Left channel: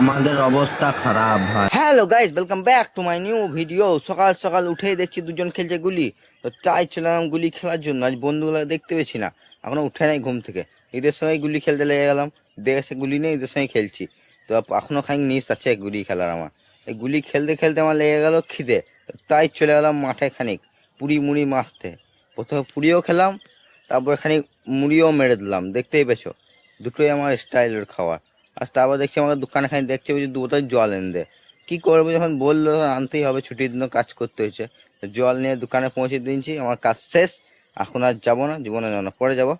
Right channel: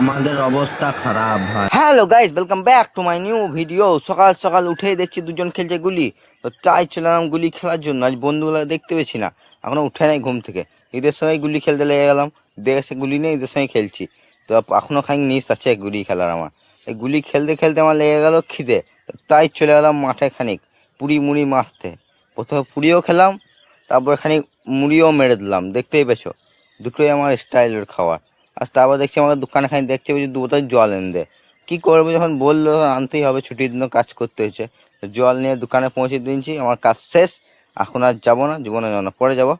আমাদের অবস্থা খারাপ ভাই। Hello guys, welcome back to my new video. সকাল সকাল উঠেই দেখছি দুজন খেলছে গুলি, তো তাই চলাম গুলি খেলার জন্য। আজ বন্ধুগুলো দেখতে পেয়েছি না, এখনো উঠে নাই ঘুম থেকে। এদের সঙ্গে গুলি খেলতে লেগে গেলাম, দেখে গুলি নেই, এদের সঙ্গে খেলছি। তো এখনো খানিক নিস আছে গুলি খেলার আমার। এই গুলি খেলতে খেলতে আমার লেগে গেল খিদে, তাই চলে গেলাম মাঠে খানিক পুরি মুড়ি মারতে। প্রথমে পুরিও খেলাম, তারপর খানিক মুড়িও মেরে দিলাম। দেখতেই পেছো, দুটোই আমার স্টাইলের খাবার। আর তারপর দেখছি আমাদের দোকানে খানি দেখতে পেয়েছি 2 বোতল জল এনে দে। কী করবো, যখন বললো আনতেই হবে, ছুটির দিনও কাজ করতে হয়েছে। তো জল নিয়ে দোকানে পৌঁছে দিয়েছি, আমার কাজ শেষ। এখন আর যাবো না, জীবনে যাবো না, পরে যাবো।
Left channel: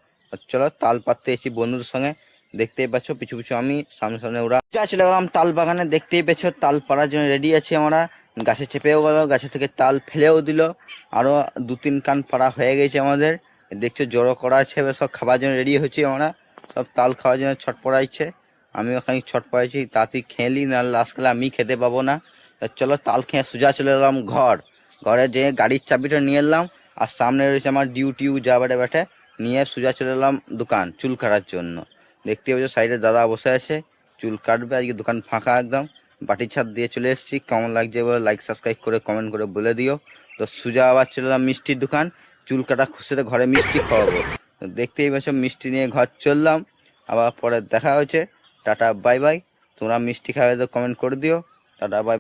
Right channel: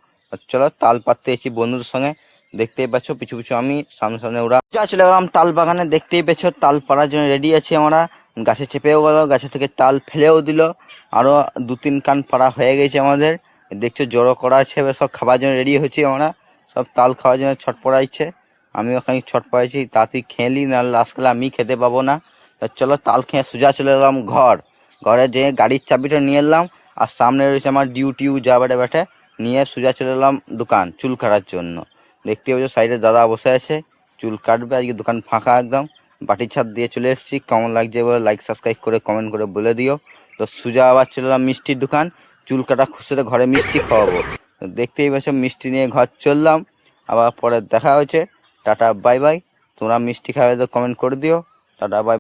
চলো তাল পাততে এসেছি বন্ধুদের সঙ্গে। দেখতেই পাচ্ছ পিছু পিছু আমি, সামনে সামনে ওরা। যা চলে গেলাম তাল বাগানে। দেখতেই পেয়েছো তাল পাড়ার জন্য রেডি আছি আমরা। গাছে চেপেও গেল, গাছে থেকে তাল ফেলেও দিল। আরও 2-3 কান পাড়া হয়ে গেছে আমাদের। দেখছো জড়ো করা আছে, এবার সব খাবার জন্য রেডি হয়েছি আমরা। সব তাল খাওয়ার জন্য ছট পড়াইছে। আমিও খানিক ছট পড়াইছি, তাড়াতাড়ি খেয়ে নিই, নাহলে লাস্টকালে আমি খেতে পাবো না। তা চলো তাল খেয়ে সোজা চলে এলাম ঘরে যেয়ে গাড়ির চাবিটা নিয়ে এলাম। আর সামনে রয়েছে আমার ডিউটিউ যা বেটে বেটে নিয়ে সোজা চলে এলাম দোকান চুল কাটার জন্য। দেখতে পাচ্ছ সাইডে দাদা বসে আছে, চুল কাটবে। আজকে দোকান ফাঁকা একদম। বাটি ছাদ দিয়ে চলে এসেছি। কেমন লাগছে বলে লাইক সাবস্ক্রাইব করে কমেন্ট করে বলে দিও। তো সোজা আবার চলে এলাম মিষ্টির দোকান, চুল কাটা খুশিতে ঘরে মিষ্টি খাওয়াবো। তো দেখতেই পাচ্ছ মিষ্টি নিয়ে ঘর চললাম। আবার পরে দেখা হয়েছে। Tata bye bye. তোমরা মিষ্টি খাওয়াবে তো কমেন্ট করে দিও। Tata bye.